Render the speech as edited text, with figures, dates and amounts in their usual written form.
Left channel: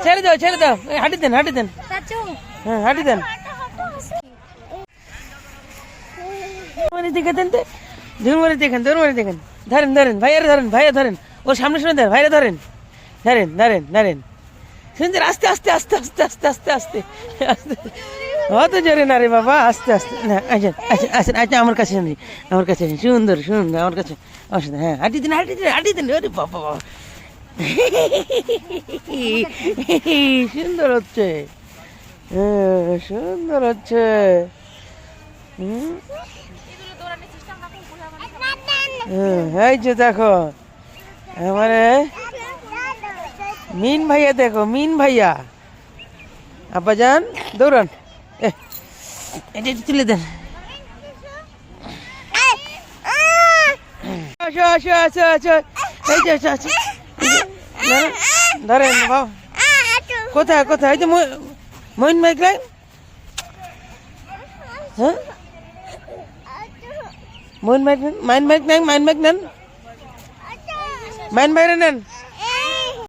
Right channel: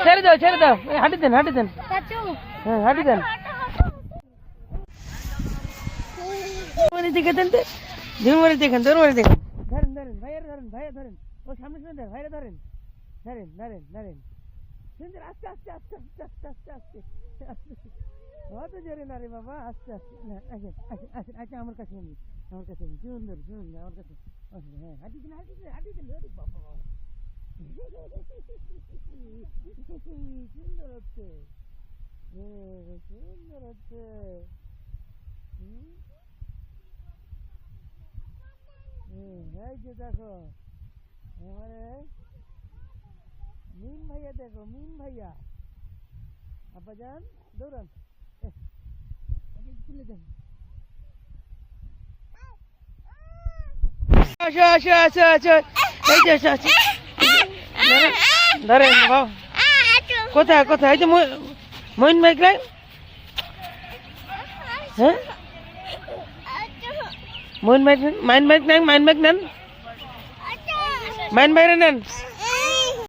ছেড়ে দাও এই হাঁটি দেন হ্যাঁ হাঁটি দেন দিকে দেন ঝুমুরি দেখেন ধরেন ভাইয়া ধরেন ওর সামনে শুনে দেন ভাইয়া ধরেন সুন্দর আস্তে আস্তে আস্তে আস্তে আস্তে আস্তে আস্তে আস্তে অত জোরে না রে বাবা আস্তে আস্তে না আচ্ছা আমার কাছে সুন্দর আমার কাছে হ্যাঁ হাঁটি দিন ওরে বাবা সুন্দর হচ্ছে এই যে দেখো আমারে মিন ভাইয়া আব্বাজান দৌড়ান এটা তুলে দেন আচ্ছা এই যে ধরেন বাবা কোথায় এই যে মইন ভাই হ্যাঁ মাইন বাইক নেন মাইন বাইরে নেন